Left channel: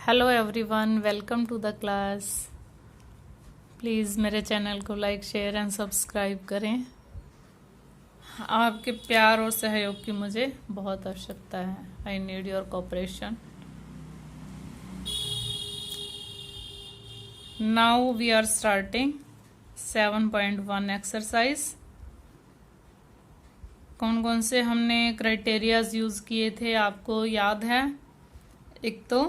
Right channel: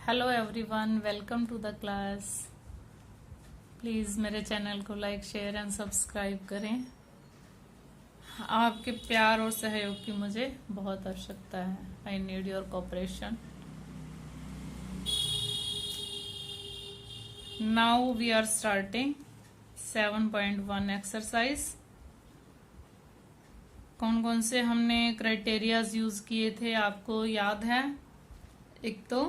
Hello everyone, welcome to the class. Please मेरे channel को like, share and subscribe करें। आपके प्यार और सहयोग की मुझे बहुत आवश्यकता है। I need your cooperation. Now we are starting 7.1 exercise. कौन कौन से हमने क्राइटेरियाज यूज किए थे आपको याद है? एक तो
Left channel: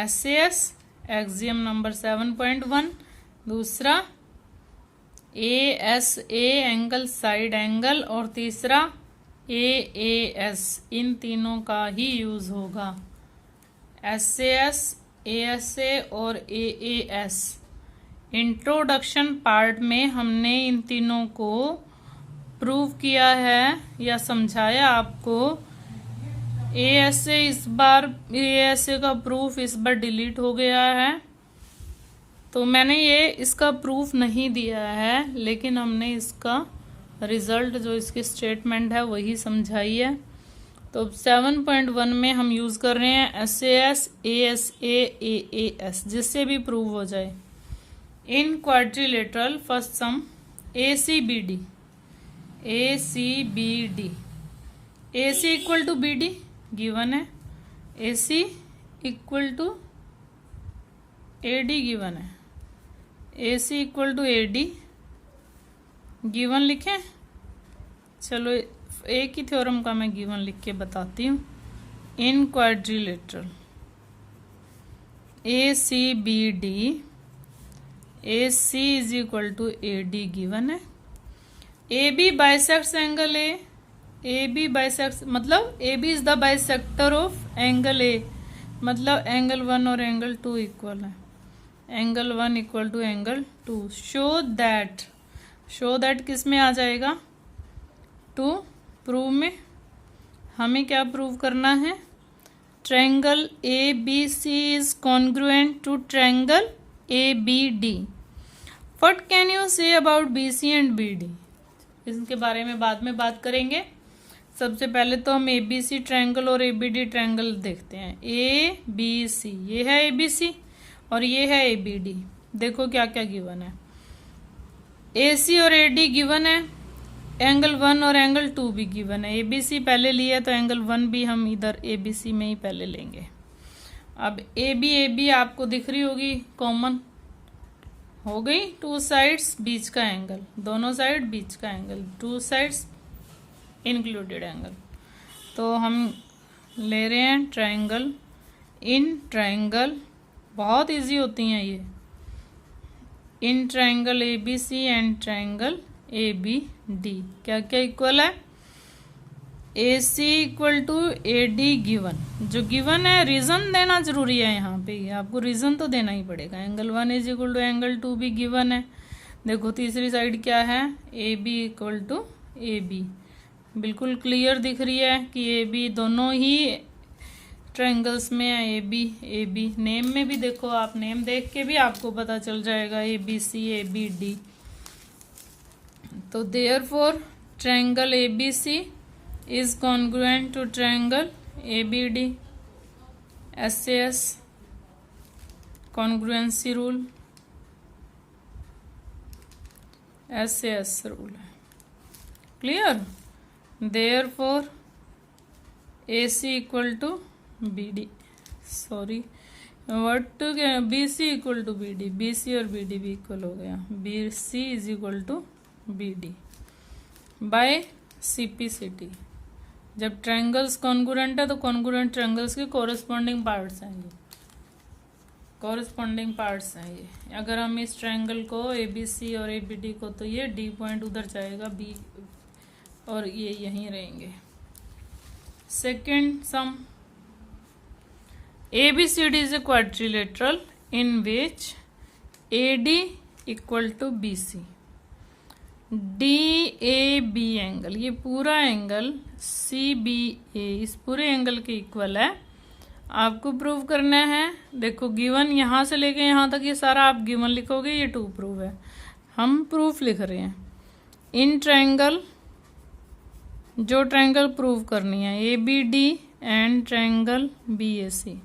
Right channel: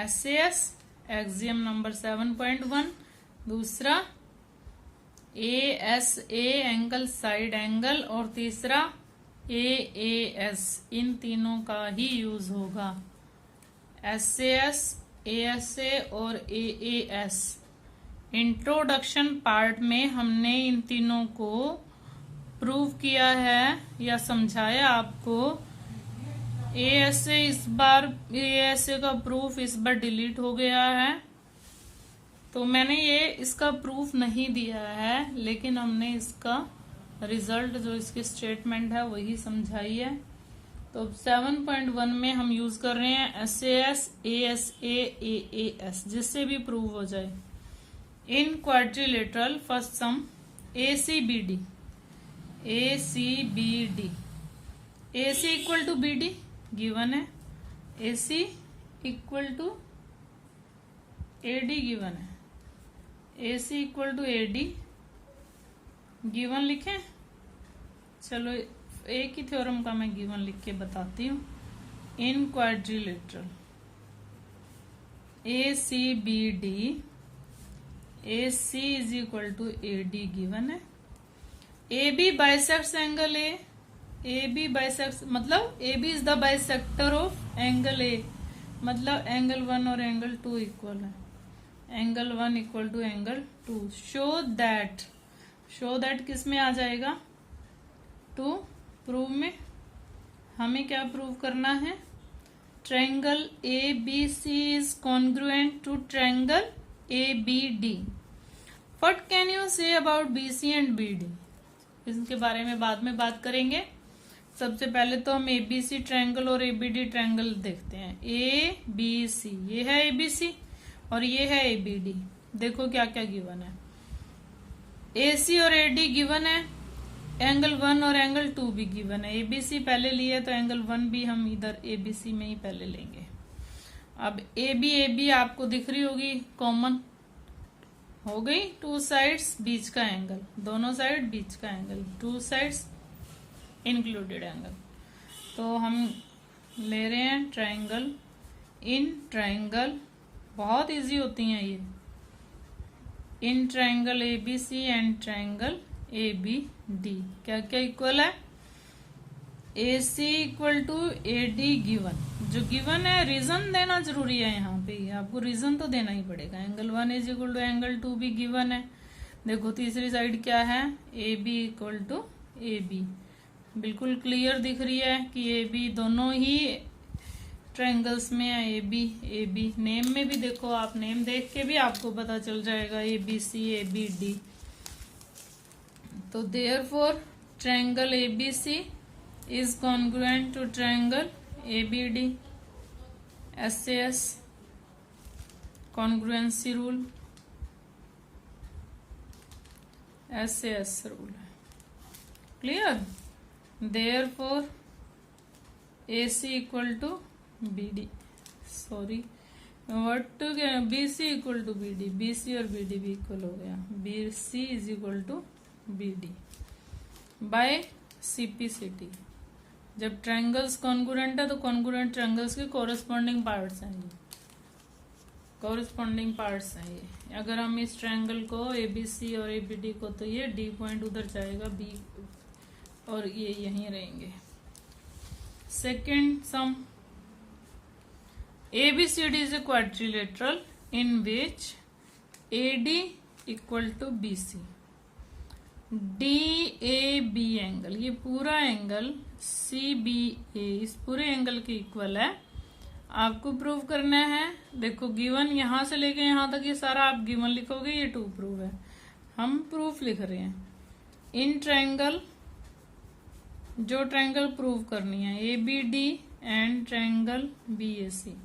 SAS एक्सियम नंबर 7.1, दूसरा ASA एंगल साइड एंगल, और तीसरा AAS। इन तीनों का ही यूज होगा। SAS, ASA और AAS। इंट्रोडक्शन पार्ट में हमने इन तीनों को प्रूव किया है या समझाया आपको। ASA का प्रूफ इस बार डिलीट हो गया है, तो मैंने इसका प्रूफ नहीं दिया है, लेकिन हमने इसका रिजल्ट जो इसकी स्टेटमेंट है वही समझाई है। तो 7.1 में हम यूज कर रहे हैं SAS, ASA, AAS, जिससे भी प्रूव हो जाए। In quadrilateral first some ACBD AC equal to BD given है, AC equal to AD given है, AC equal to AD given लिखें। चलो एक ही थ्योरम का मैं गिवन लिख के बताती हूँ। In quadrilateral ACBD AC is equal to AD given है। AB bisects angle AB bisects मतलब AB is the bisector of angle A, मतलब एंगल 1 और एंगल 2 इक्वल है। Angle 1 equal to angle 2। Show that किस में आ जाएगा? टू प्रूव में। हमें क्या प्रूव करना है? Triangle ABC is congruent to triangle ABD। What can you say about BC and BD? इसके बारे में बाद में बात करेंगे। सबसे पहले तो हम ABC ट्रायंगल और ABD ट्रायंगल देखते हैं। ABC, ये है ABC और ये है ABD। देखो क्या क्या गिवन है। AC और AD गिवन है, एंगल 1 और एंगल 2 भी गिवन है। ABC पहले लिया तो एंगल 1 भी हम इधर ABC में ही पहले लेंगे। अब AB आपको दिख रही होगी, कॉमन हो गई। टू साइड्स बीच का एंगल, दोनों साइड बीच का angle, two sides included angle. तो हम ले रहे हैं ट्रायंगल। इन ट्रायंगल बहुत इजी होती हैं ये। In triangle ABC and triangle ABD क्या क्या इक्वल है? AC equal to AD given. जो गिवन है रीजन देना जरूरी है। यहाँ पे आपको रीजन तो देना ही पड़ेगा। Angle 1 is equal to angle 2 भी गिवन है। देखो तीसरी साइड क्या है? AB equal to AB। बिल्कुल क्लियर दिख रही है कि AB दोनों ही ट्रायंगल्स में है। AB नेम में भी देखो, आप नेम देख के भी आपको पता चल जाएगा ABC ABD। तो therefore triangle ABC is congruent to triangle ABD। SAS congruency rule, SAS rule है। Clear? Therefore AC equal to BD, sorry what to BC equal to BD, BC और BD भी इक्वल हो गया। BC is equal to BD by CPCT। जब triangles congruent है तो congruent triangles के corresponding parts हैं ये, कोरिस्पॉन्डिंग पार्ट्स हैं ये। अगर हम इस ट्रायंगल को ABC और ABD को, तो ये D पॉइंट उधर जाएगा, B और ये यहीं रहेंगे। Second sum ABCD is a quadrilateral in which AD equal to BC। DAB angle, ये पूरा एंगल CBA इस पूरे एंगल के इक्वल है। आपको प्रूव करना है। देखो गिवन यहाँ से लेके यहाँ तक ये सारा आप गिवन लिखोगे, ये टू प्रूव है। हम प्रूफ लिख रहे हैं। इन ट्रायंगल, जो ट्रायंगल प्रूव करनी है ABD एंड ट्रायंगल BAC,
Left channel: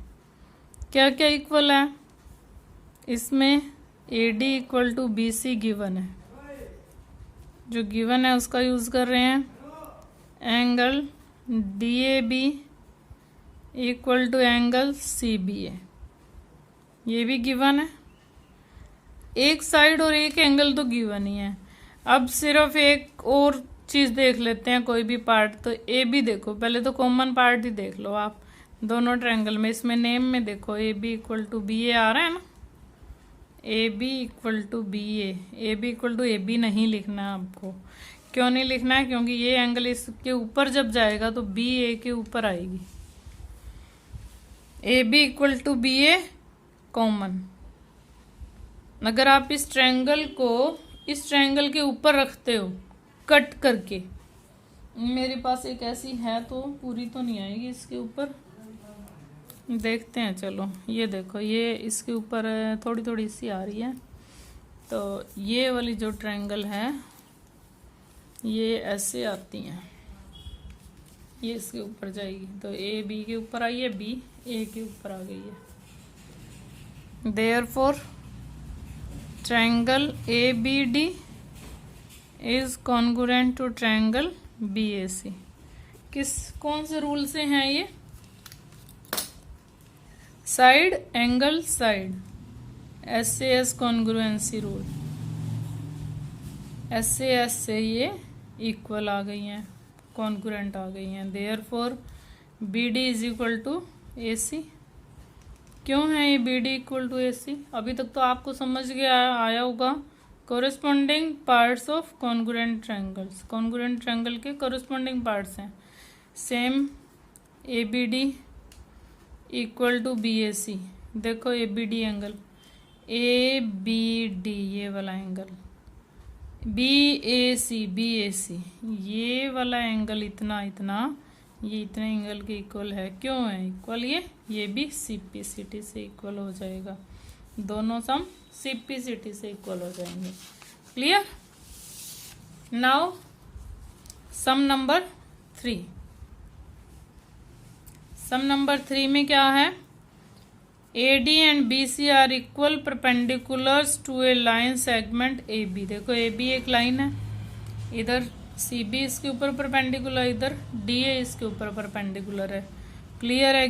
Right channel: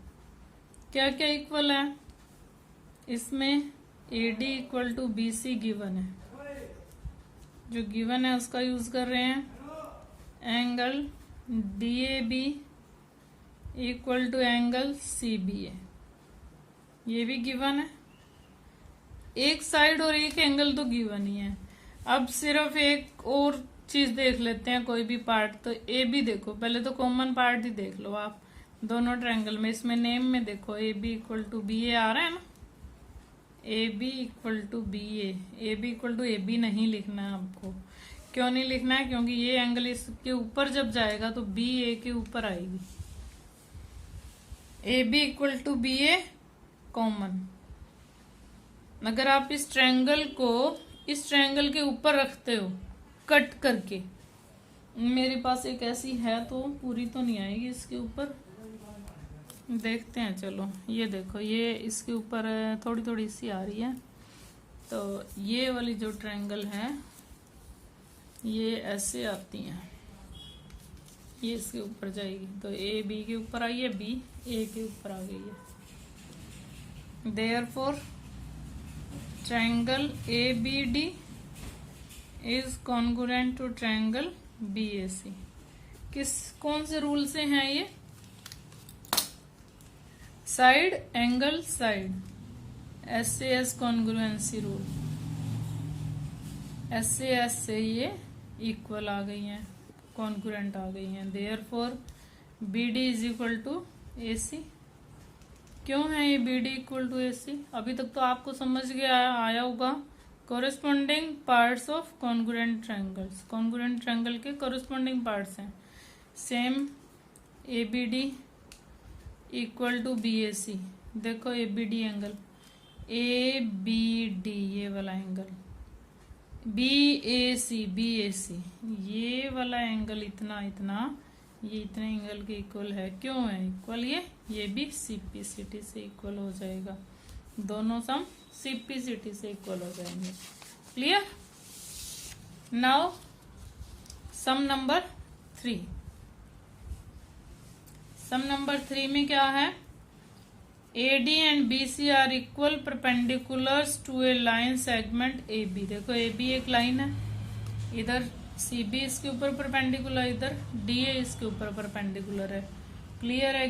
क्या क्या इक्वल है इसमें? AD equal to BC given है, जो गिवन है उसका यूज कर रहे हैं। Angle DAB equal to angle CBA, ये भी गिवन है। एक साइड और एक एंगल तो गिवन ही है। अब सिर्फ एक और चीज देख लेते हैं, कोई भी पार्ट। तो AB देखो, पहले तो कॉमन पार्ट ही देख लो आप दोनों ट्रायंगल में। इसमें नेम में देखो AB इक्वल टू BA आ रहा है ना, AB equal to BA। AB equal to AB नहीं लिखना है आपको। क्यों नहीं लिखना है? क्योंकि ये एंगल इसके ऊपर जब जाएगा तो BA के ऊपर आएगी। AB equal to BA common. अगर आप इस ट्रायंगल को इस ट्रायंगल के ऊपर रखते हो कट करके, मेरे पास एक ऐसी है तो पूरी तो नहीं आएगी इसके ऊपर, देखते हैं। चलो ये देखो, ये इसके ऊपर थोड़ी थोड़ी सी आ रही है। तो ये वाली जो ट्रायंगल है ये ऐसे आती है, ये इसके ऊपर जाएगी। तो A B के ऊपर आई है, B A के ऊपर आ गई है। Therefore triangle ABD is congruent to triangle BAC। कौन से रूल से है ये? Side angle side, SAS congruency rule. SAS से ये इक्वल आ गई हैं, कॉन्ग्रुएंट आ गई हैं। Therefore BD is equal to AC। क्यों है ये BD इक्वल टू AC? अभी तक तो आपको समझ गया आया होगा। Corresponding parts of congruent triangles, congruent triangle के कोरिस्पोंडिंग पार्ट्स हैं। Same ABD equal to BAC। देखो ABD एंगल, ABD ये वाला एंगल, BAC ये वाला एंगल इतना इतना, ये इतने एंगल के इक्वल है। क्यों है इक्वल? ये भी CPCT से इक्वल हो जाएगा। दोनों सम CPCT से इक्वल हो जाएंगे। Clear? Now sum number 3। Sum number 3 में क्या है? AD and BC are equal perpendiculars to a line segment AB। देखो AB एक लाइन है, इधर CB इसके ऊपर परपेंडिकुलर, इधर DA इसके ऊपर परपेंडिकुलर है। क्लियर है?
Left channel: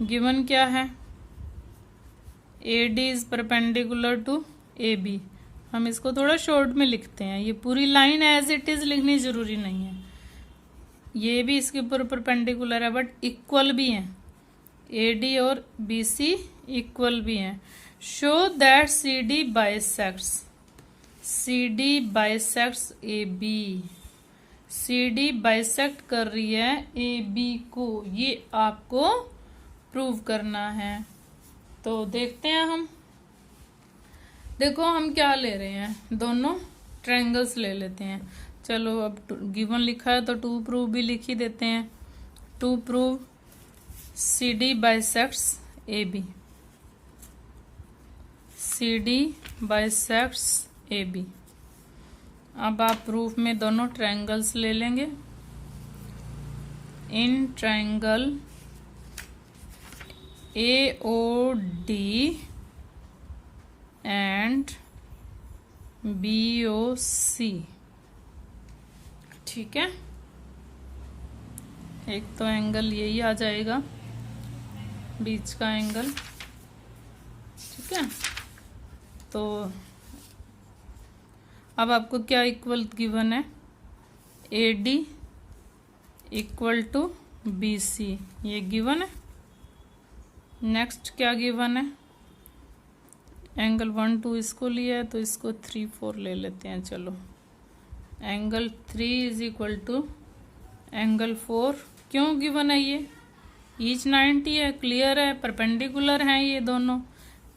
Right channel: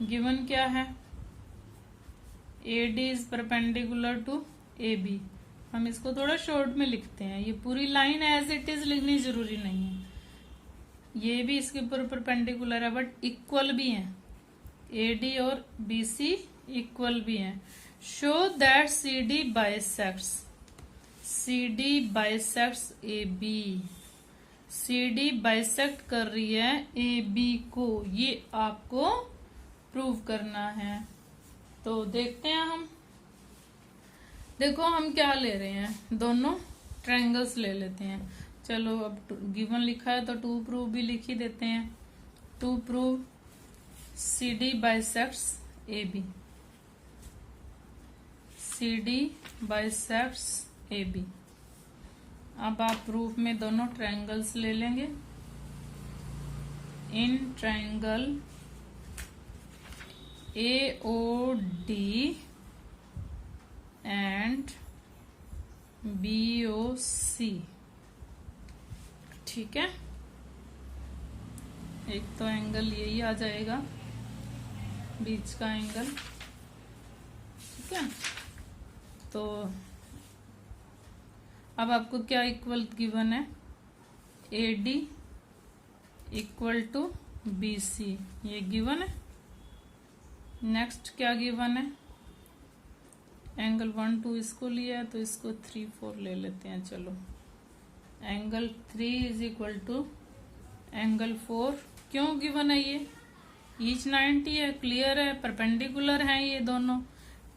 गिवन क्या है? AD is perpendicular to AB। हम इसको थोड़ा शॉर्ट में लिखते हैं, ये पूरी लाइन एज इट इज लिखनी जरूरी नहीं है। ये भी इसके ऊपर परपेंडिकुलर है बट इक्वल भी हैं। AD और BC इक्वल भी हैं। Show that CD bisects AB। CD bisect कर रही है AB को, ये आपको प्रूव करना है। तो देखते हैं हम। देखो हम क्या ले रहे हैं, दोनों ट्रायंगल्स ले लेते हैं। चलो अब गिवन लिखा है तो टू प्रूव भी लिख ही देते हैं। To prove CD bisects AB। CD bisects AB। अब आप प्रूफ में दोनों ट्रायंगल्स ले लेंगे। In triangle AOD and BOC, ठीक है। एक तो एंगल यही आ जाएगा, बीच का एंगल, ठीक है। तो अब आपको क्या इक्वल गिवन है? AD इक्वल टू BC, ये गिवन है। नेक्स्ट क्या गिवन है? एंगल 1 2 इसको लिया है तो इसको 3 4 ले लेते हैं। चलो angle 3 is equal to angle 4। क्यों गिवन है ये? ईच 90 है, क्लियर है, परपेंडिकुलर है, ये दोनों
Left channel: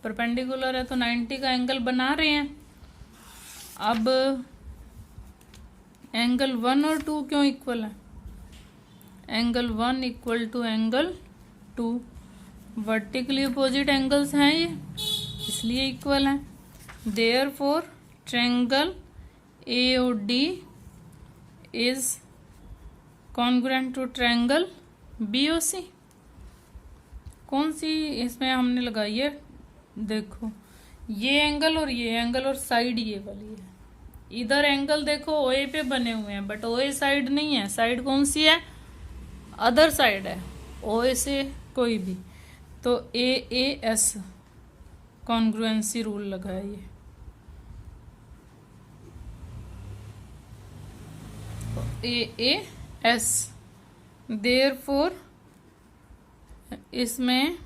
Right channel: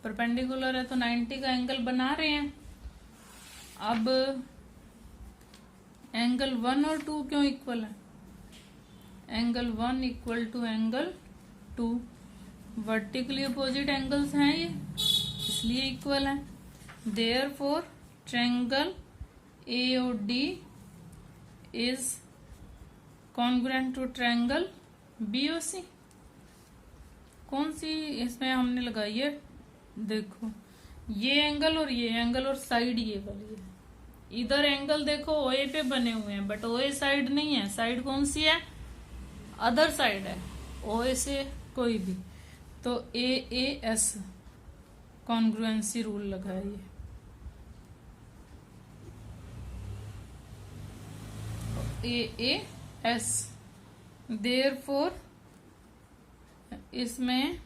परपेंडिकुलर है तो 90 का एंगल बना रहे हैं। अब एंगल 1 और 2 क्यों इक्वल है? Angle 1 equal to angle 2, vertically opposite angles हैं ये, इसलिए इक्वल है। Therefore triangle AOD is congruent to triangle BOC। कौन सी इसमें हमने लगाई है, देखो ये एंगल और साइड ये वाली है। इधर एंगल देखो ओए पे बने हुए हैं, बट ओए साइड नहीं है। साइड कौन सी है, अदर साइड है, ओए से कोई भी। तो AAS कॉन्ग्रुएंसी रूल लगा है ये AAS। देयरफॉर इसमें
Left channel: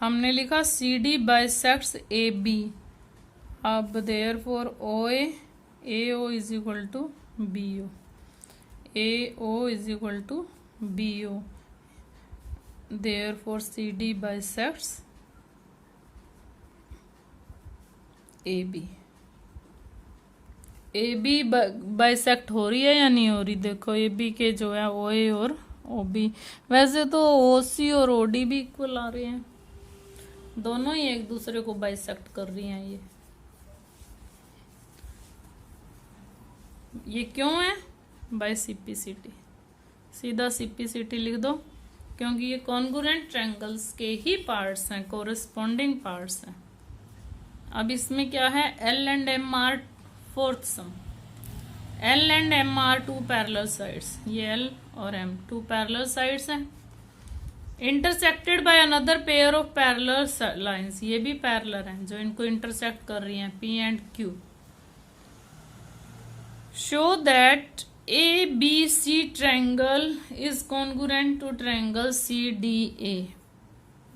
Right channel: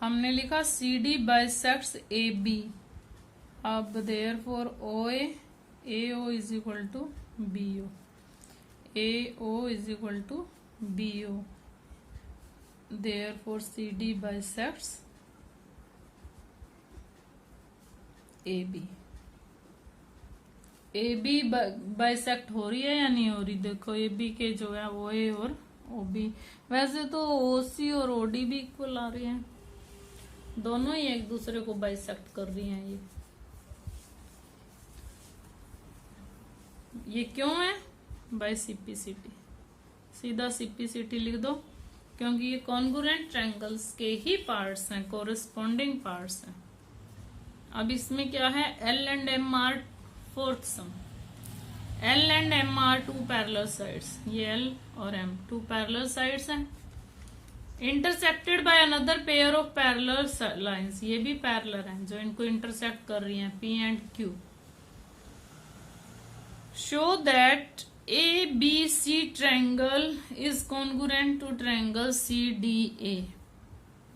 हमने लिखा CD बाइसेक्ट्स AB। अब therefore OA AO is equal to BO, AO is equal to BO। Therefore CD bisects AB। AB bisect हो रही है या नहीं हो रही, देखो AB के जो है OA और OB। वैसे तो OC और OD भी इक्वल आ रहे हैं, दोनों ही एक दूसरे को बाइसेक्ट कर रही हैं। ये क्यों है, बाय CPCT। सीधा CPCT लिख दो, क्योंकि ये कॉन्ग्रुएंट ट्रायंगल्स के ही पार्ट्स हैं, कोरिस्पॉन्डिंग पार्ट्स हैं। अब इसमें क्या है, L and M are fourth sum. L and M are two parallel sides, ये L और M टू पैरेलल साइड्स हैं, intersected by another pair of parallel lines. ये भी पैरेलल हैं जो इनको इंटरसेक्ट कर रही हैं, P and Q। Show that ABC triangle is congruent to triangle CDA।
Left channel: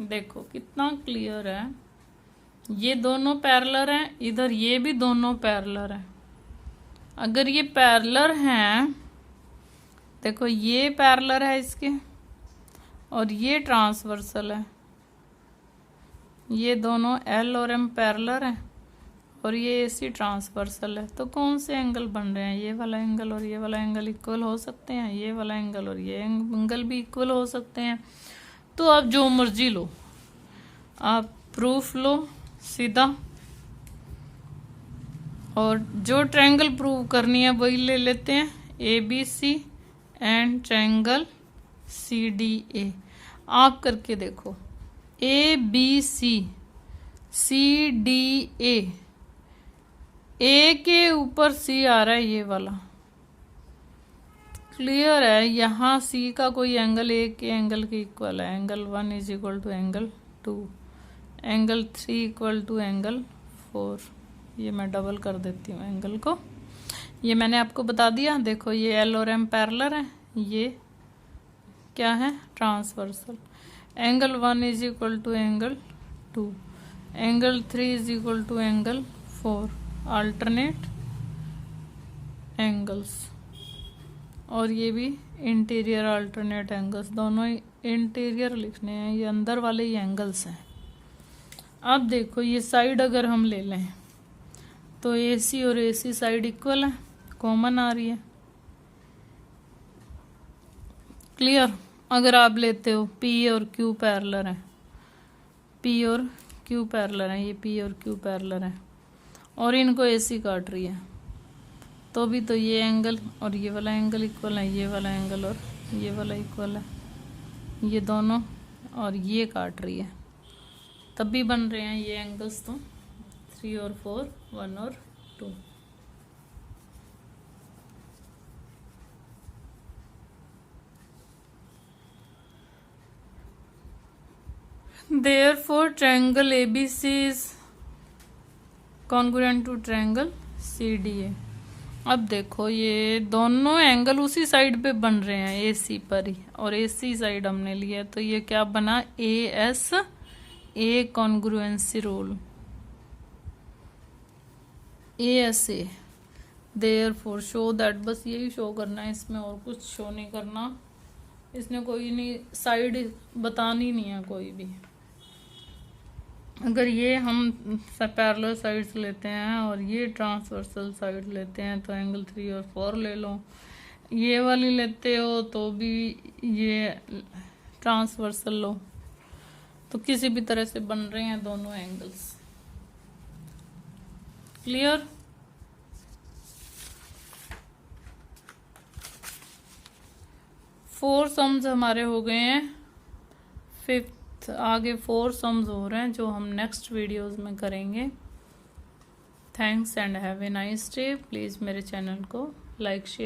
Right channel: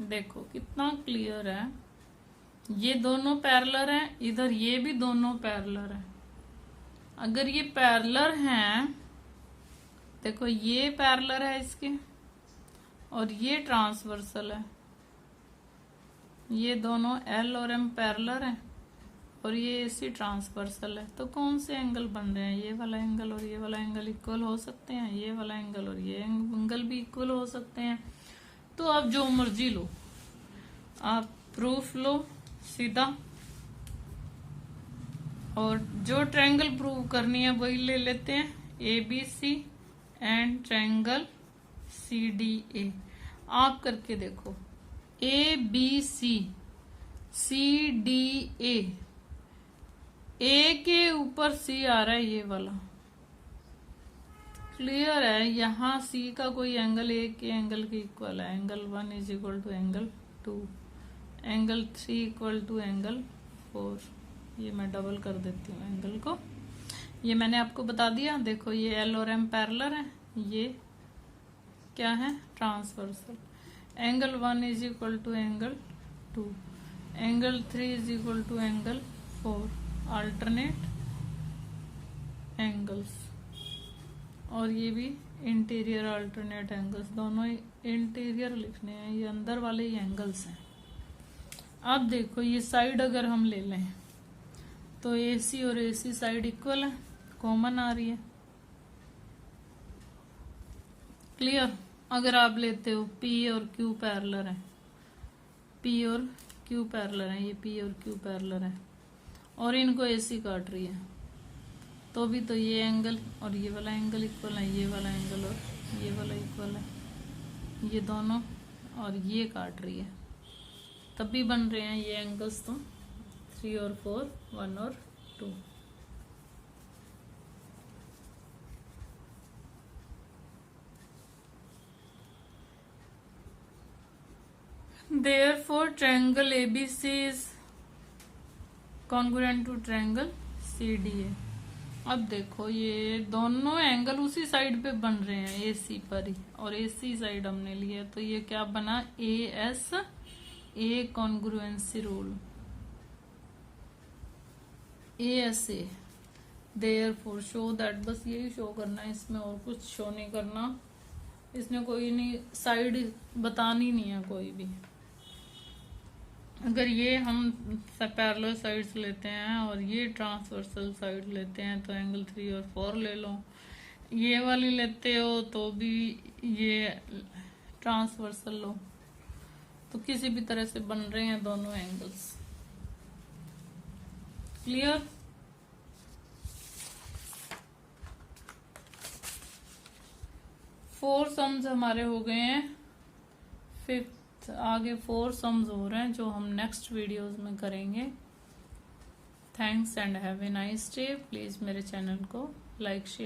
देखो कितना क्लियर है, ये दोनों पैरेलल हैं, इधर ये भी दोनों पैरेलल हैं। अगर ये पैरेलल हैं, देखो ये पैरेलल है इसके और ये ट्रांसवर्सल है, ये दोनों L और M पैरेलल हैं और ये AC ट्रांसवर्सल है। तो कौन से एंगल बन रहे हैं, ये वाला एंगल और ये वाला एंगल इक्वल हो सकते हैं, ये वाला एंगल और ये एंगल भी इक्वल हो सकते हैं। तो आप जो मर्जी लो, आप प्रूफ लो सीधा, और जो ट्रायंगल प्रूव करनी है वही ले लेते हैं, ABC एंड ट्रायंगल CDA। आप करके देखो, ABC CDA, A के ऊपर C आ रहा है, ये वाला क्लियर है। यहाँ C का कोई एंगल A के एंगल के इक्वल है, angle 1 is equal to angle 2, angle 3 equal to angle 4। ये मैं डबल कर देती हूँ एंगल को, ये मैंने आपको बता दिया। देखो ये L और M पैरेलल है, ये क्या है, transversal. Angle 1 is equal to angle 2, angle 3 is equal to angle 4, alternate angles. और ये भी इंटीरियर अल्टरनेट एंगल्स, दोनों इंटीरियर लिखने हैं, ये अंदर वाले ही एंगल्स हैं। अब देखो ये साइड अगर हम ले लें तो AC और AC साइड इक्वल है, कॉमन आ रही है, क्लियर। अगर आप लेते हो P और Q पैरेलल है, P और Q पैरेलल है, ये P और Q पैरेलल है और इनको AC काट रही है, तो भी तो ये एंगल और ये वाला एंगल इक्वल है, ये वाला एंगल और ये वाला इक्वल है, ये दोनों और ये काट रही है, तब भी बन रहे हैं ये एंगल्स तो 3 और 4, 1 और 2। Therefore triangle ABC is congruent to triangle CDA। अब देखो ये दोनों एंगल उसी साइड पे बन रहे हैं, AC पर ही, और AC साइड हमने लिया, तो ये क्या बना, AS A congruency rule, ASA। Therefore show that, बस यही शो करना है, इसमें और कुछ शो नहीं करना, इसमें कोई नहीं साइड बतानी नहीं है कोई भी। अगर ये हम पैरेलल साइड्स लेते हैं और ये ट्रांसवर्सल साइड लेते हैं तो एंगल 3 और 4 ले लो, ये वाली लेते हो तो भी ये ट्रांसवर्सल लो, तो किसी भी तरह से बन रहे हैं दोनों एंगल्स, क्लियर। फोर सम्स हमारे हो गए हैं 5th आगे 4 सम्स हो रहे हैं जो हम नेक्स्ट वीडियोस में करेंगे। Thanks and have a nice day. Please मेरे चैनल को लाइक शेयर